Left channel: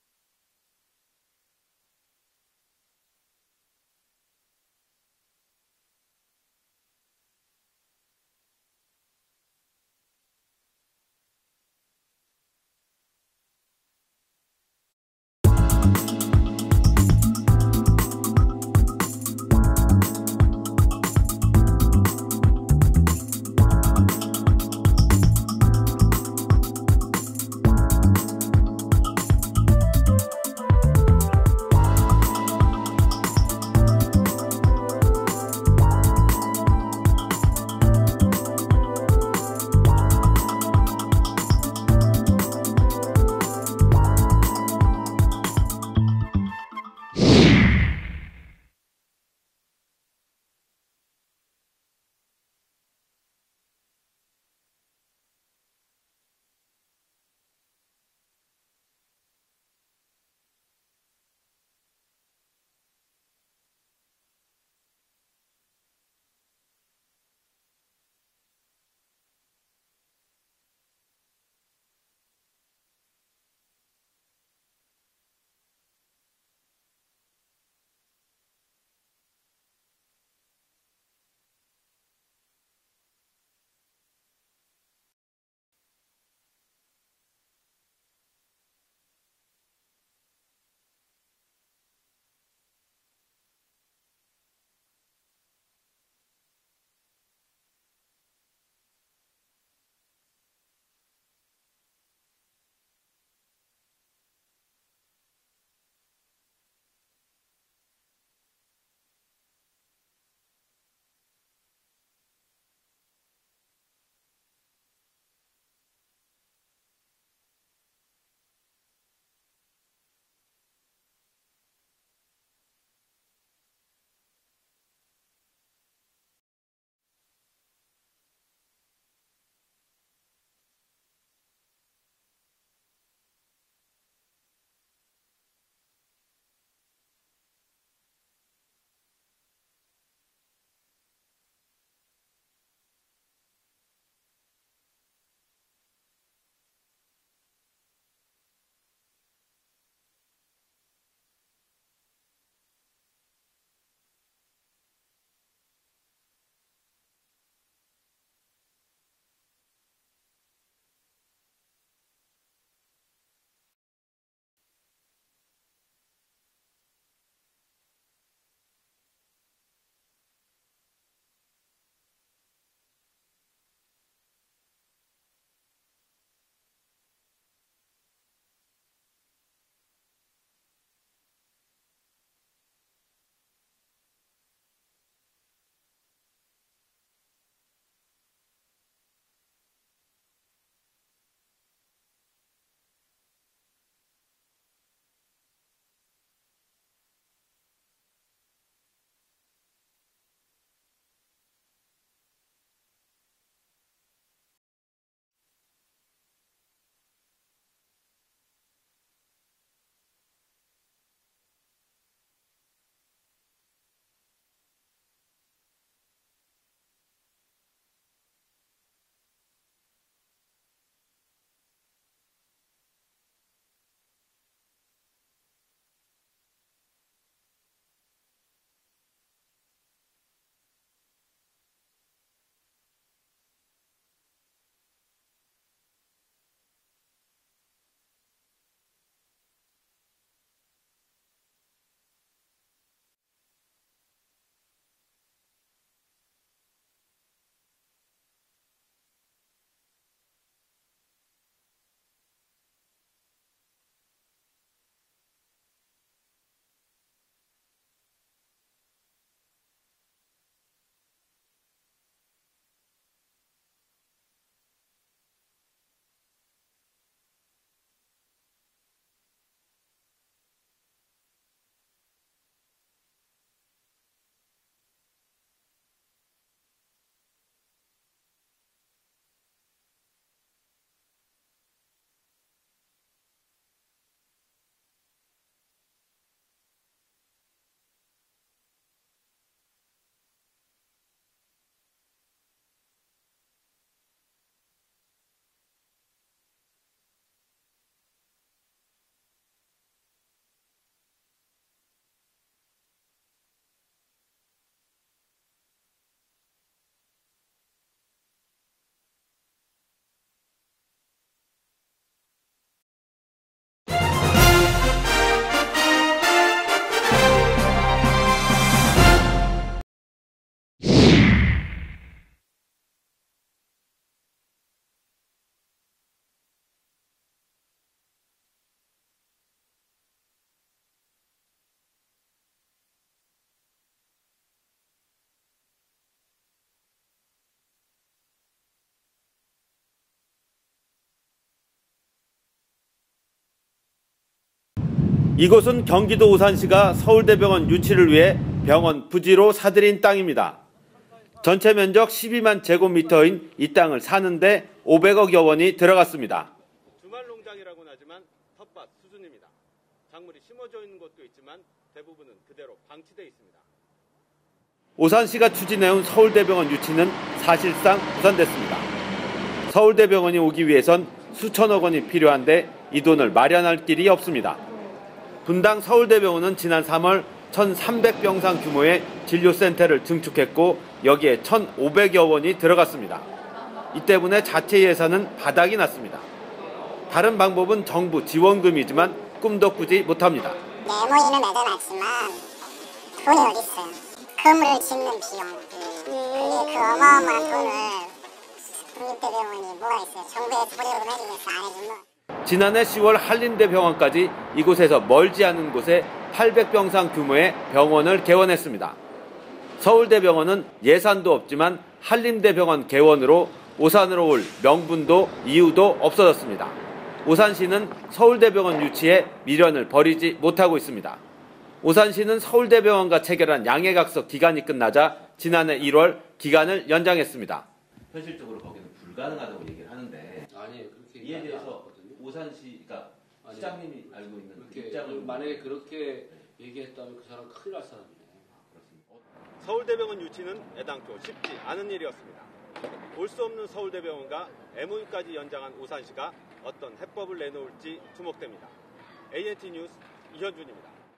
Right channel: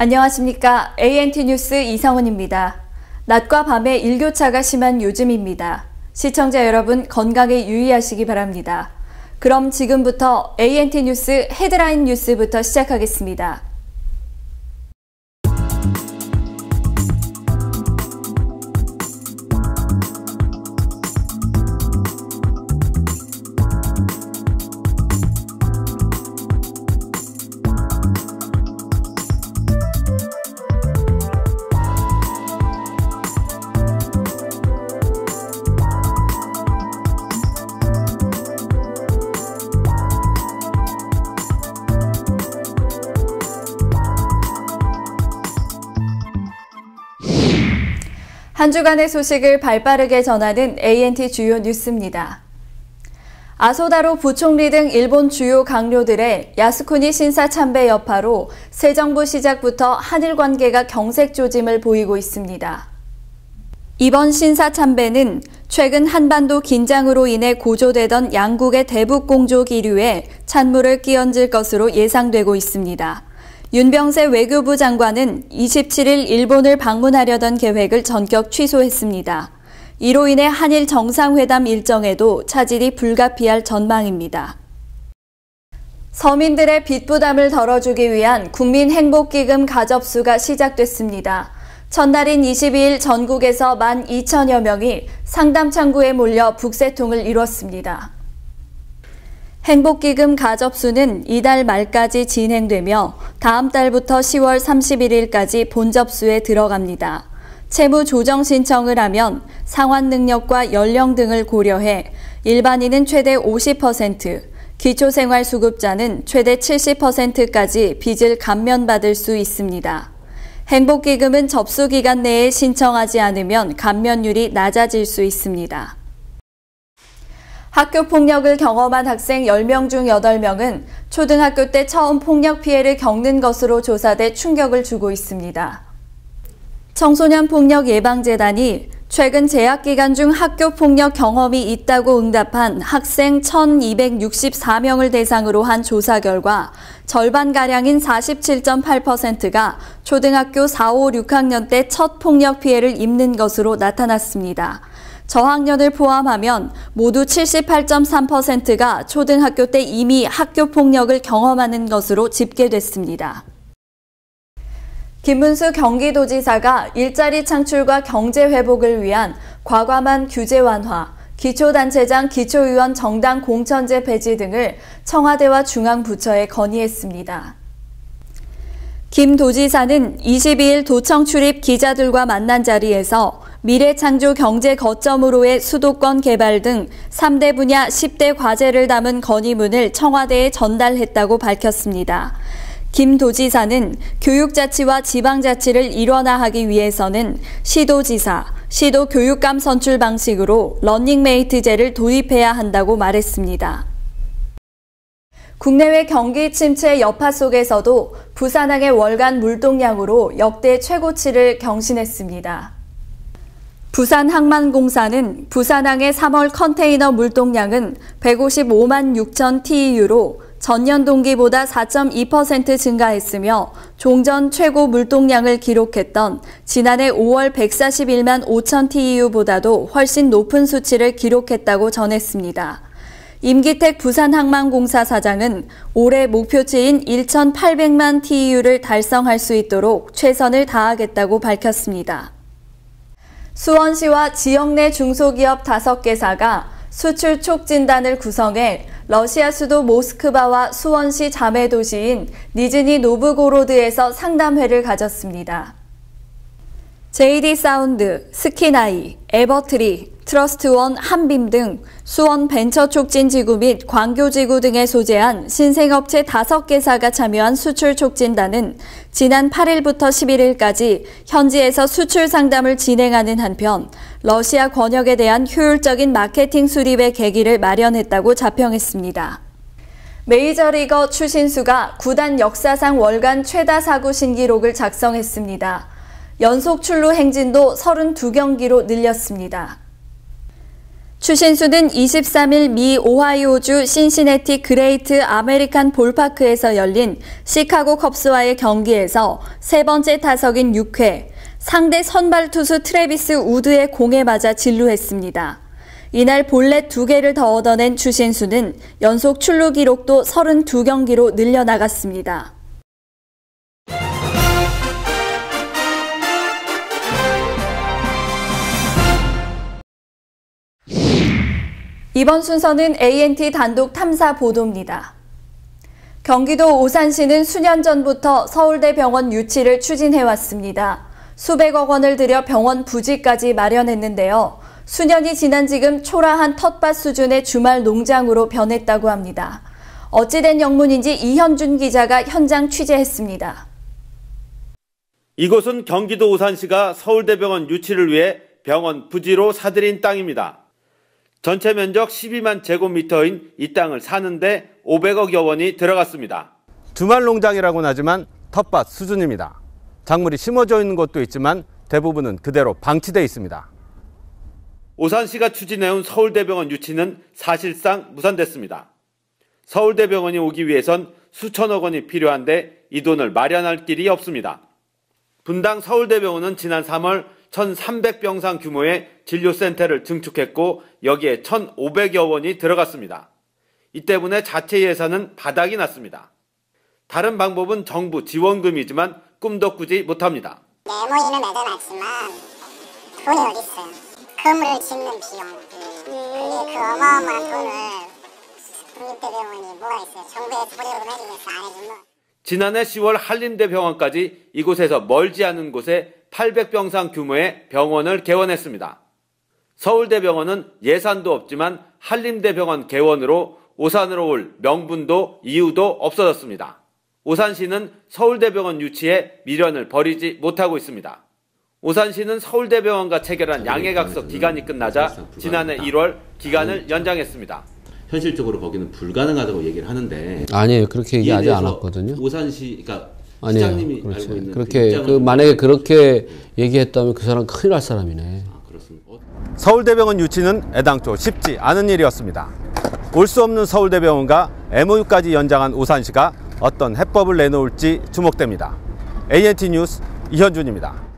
안녕하십니까. ANT 뉴스 이성은입니다. 낮과 밤의 일교차가 심한 요즘입니다. 시청자 여러분 건강에 유의하시기 바랍니다. 그럼 지금부터 ANT 뉴스 헤드라인 뉴스부터 시작하겠습니다. 한 주간의 소식을 발빠르게 전하는 ANT 주요 뉴스입니다. 아소다로 부총리 등 일본 주요 강요들의 야스쿠니 신사 참배 여파로 새 정부 시작부터 한일 관계가 경색 조짐을 보이고 있습니다. 이번 신사 참배는 최근 한반도 긴장으로 인해 고조되던 양국의 대북 공조 기류에 찬물을 끼얹을 것으로 예상되고 있습니다. 윤병세 외교부 장관은 27일 일본을 방문하려던 계획을 전격 취소했습니다. 이로 인해 한일 정상회담 일정에도 차질이 불가피할 전망입니다. 서민들의 빚 부담을 덜어주기 위한 국민행복기금 가접수가 시작됐습니다. 첫날인 22일 전국에서 12,000여 명이 상담 창구에 몰려 북새통을 이뤘습니다. 행복기금 가접수는 이달 말까지 진행되며 다음 달부터 10월 31일까지 본접수에 들어갑니다. 채무 조정 신청을 하면 상환 능력과 연령 등을 고려해 일반인은 최대 50%, 기초생활수급자는 최대 70%까지 빚을 감면받을 수 있습니다. 행복기금은 접수 기간 내에 신청하지 않으면 감면율이 낮아질 수 있습니다. 학교 폭력을 경험한 학생 10명 중 8명은 초등학교 때 처음 폭력 피해를 겪는 것으로 조사돼 충격을 주고 있습니다. 청소년 폭력 예방재단이 최근 재학 기간 중 학교 폭력 경험이 있다고 응답한 학생 1,264명을 대상으로 한 조사 결과 절반가량인 47.8%가 초등학교 4, 5, 6학년 때 첫 폭력 피해를 입는 것으로 나타났습니다. 저학년을 포함하면 모두 78.3%가 초등학교 때 이미 학교 폭력을 경험하는 것으로 집계됐습니다. 김문수 경기도지사가 일자리 창출과 경제 회복을 위한 과감한 규제 완화, 기초단체장 기초의원 정당 공천제 폐지 등을 청와대와 중앙부처에 건의했습니다. 김 도지사는 22일 도청 출입 기자들과 만난 자리에서 미래창조 경제 거점으로의 수도권 개발 등 3대 분야 10대 과제를 담은 건의문을 청와대에 전달했다고 밝혔습니다. 김 도지사는 교육자치와 지방자치를 일원화하기 위해서는 시도지사, 시도교육감 선출 방식으로 러닝메이트제를 도입해야 한다고 말했습니다. 국내외 경기 침체 여파 속에서도 부산항의 월간 물동량으로 역대 최고치를 경신했습니다. 부산항만공사는 부산항의 3월 컨테이너 물동량은 155만 6천 TEU로 전년 동기보다 4.2% 증가했으며 종전 최고 물동량을 기록했던 지난해 5월 141만 5천 TEU보다도 훨씬 높은 수치를 기록했다고 전했습니다. 임기택 부산항만공사 사장은 올해 목표치인 1,800만 TEU를 달성할 수 있도록 최선을 다하겠다고 밝혔습니다. 수원시와 지역 내 중소기업 5개사가 수출 촉진단을 구성해 러시아 수도 모스크바와 수원시 자매도시인 니즈니 노브고로드에서 상담회를 가졌습니다. JD 사운드, 스키나이, 에버트리, 트러스트원, 한빔 등 수원 벤처촉진지구 및 광교지구 등에 소재한 신생업체 5개사가 참여한 수출 촉진단은 지난 8일부터 11일까지 현지에서 수출 상담을 진행하는 한편 러시아 권역에 대한 효율적인 마케팅 수립의 계기를 마련했다고 자평했습니다. 메이저리거 추신수가 구단 역사상 월간 최다 사구 신기록을 작성했습니다. 연속 출루 행진도 32경기로 늘렸습니다. 추신수는 23일 미 오하이오주 신시내티 그레이트 아메리칸 볼파크에서 열린 시카고 컵스와의 경기에서 세 번째 타석인 6회, 상대 선발 투수 트래비스 우드의 공에 맞아 진루했습니다. 이날 볼넷 2개를 더 얻어낸 추신수는 연속 출루 기록도 32경기로 늘려나갔습니다. 이번 순서는 ANT 단독 탐사 보도입니다. 경기도 오산시는 수년 전부터 서울대병원 유치를 추진해왔습니다. 수백억 원을 들여 병원 부지까지 마련했는데요. 수년이 지난 지금 초라한 텃밭 수준의 주말 농장으로 변했다고 합니다. 어찌된 영문인지 이현준 기자가 현장 취재했습니다. 이곳은 경기도 오산시가 서울대병원 유치를 위해 병원 부지로 사들인 땅입니다. 전체 면적 12만 제곱미터인 이 땅을 사는데 500억여 원이 들어갔습니다. 주말 농장이라고는 하지만 텃밭 수준입니다. 작물이 심어져 있는 곳도 있지만 대부분은 그대로 방치돼 있습니다. 오산시가 추진해온 서울대병원 유치는 사실상 무산됐습니다. 서울대병원이 오기 위해선 수천억 원이 필요한데 이 돈을 마련할 길이 없습니다. 분당 서울대병원은 지난 3월 1,300병상 규모의 진료센터를 증축했고 여기에 1,500여 원이 들어갔습니다. 이 때문에 자체 예산은 바닥이 났습니다. 다른 방법은 정부 지원금이지만 꿈도 꾸지 못합니다. 네모이는 매달았지만 돈이 어디 있어요? 건물을 짓는 비용, 그게 그 어마어마한 돈을 국립대병원이 뭐가 있어요? 정부에서 보조금 해주겠어, 안 해주면. 지난해 10월 한림대병원까지 이곳에서 멀지 않은 곳에 800병상 규모의 병원을 개원했습니다. 서울대병원은 예산도 없지만 한림대병원 개원으로 오산으로 올 명분도 이유도 없어졌습니다. 오산시는 서울대병원 유치에 미련을 버리지 못하고 있습니다. 오산시는 서울대병원과 체결한 양해각서 기간이 끝나자 지난해 1월 기간을 연장했습니다. 현실적으로 거기는 불가능하다고 얘기를 하는데 아니에요. 그렇게 얘기하지 않았거든요. 오산시, 그러니까 아니에요. 시장님이 그렇지. 알고 있는 그렇게 만약에 그렇게 얘기했다면 그 사람 큰일 날 사람이네. 그렇습니다. 서울대병원 유치는 애당초 쉽지 않은 일이었습니다. 올 수 없는 서울대병원과 MOU까지 연장한 오산시가 어떤 해법을 내놓을지 주목됩니다. ANT 뉴스 이현준입니다.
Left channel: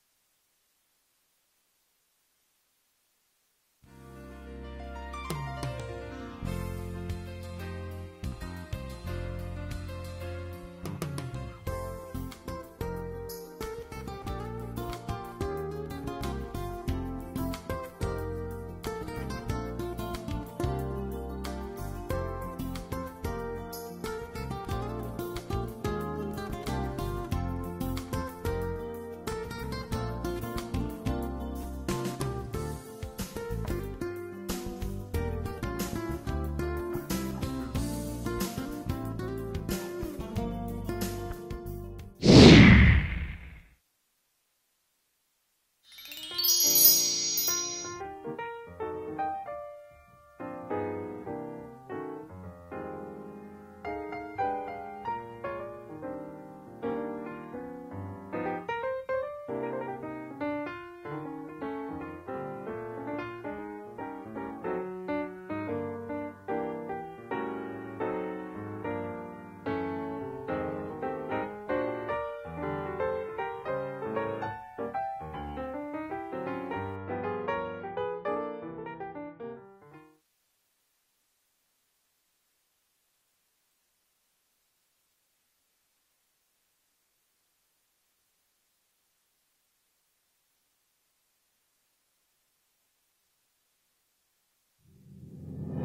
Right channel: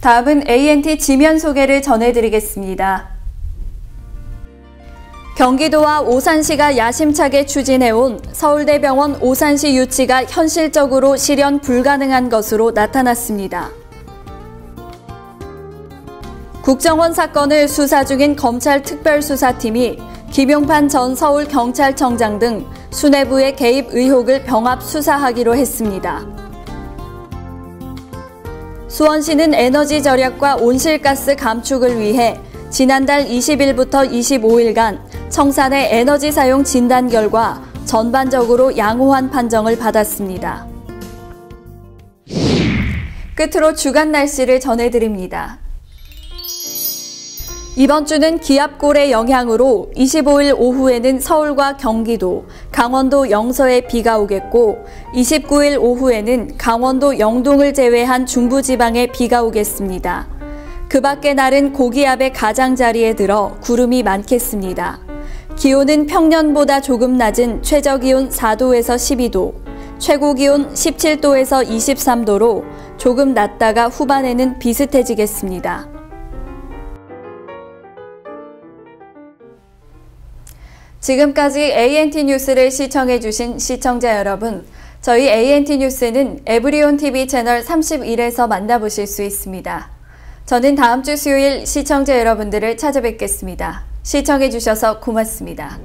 다음은 ANT 지면 소개를 전해드리겠습니다. 경기도와 오산시가 야심차게 추진해온 서울대병원 오산시 유치가 현실적으로 실현 불가능한 것으로 나타났습니다. 국정원 사건을 수사 중인 검찰특별수사팀이 김용판 전 서울경찰청장 등 수뇌부의 개입 의혹을 병합 수사하기로 했습니다. 수원시는 에너지 절약과 온실가스 감축을 위해 지난달 20일부터 25일간 청산의 에너지 사용 진단 결과 전반적으로 양호한 판정을 받았습니다. 끝으로 주간 날씨를 전해드립니다. 이번 주는 기압골의 영향으로 25일 오후에는 서울과 경기도, 강원도 영서에 비가 오겠고 29일 오후에는 강원도 영동을 제외한 중부지방에 비가 오겠습니다. 그 밖의 날은 고기압의 가장자리에 들어 구름이 많겠습니다. 기온은 평년보다 조금 낮은 최저기온 4도에서 12도, 최고기온 17도에서 23도로 조금 낮다가 후반에는 비슷해지겠습니다. 지금까지 ANT 뉴스를 시청해주신 시청자 여러분, 저희 ANT 뉴스는 에브리온 TV 채널 31에서 만나보실 수 있습니다. 저는 다음 주 수요일 시청자 여러분들을 찾아뵙겠습니다. 시청해주셔서 고맙습니다.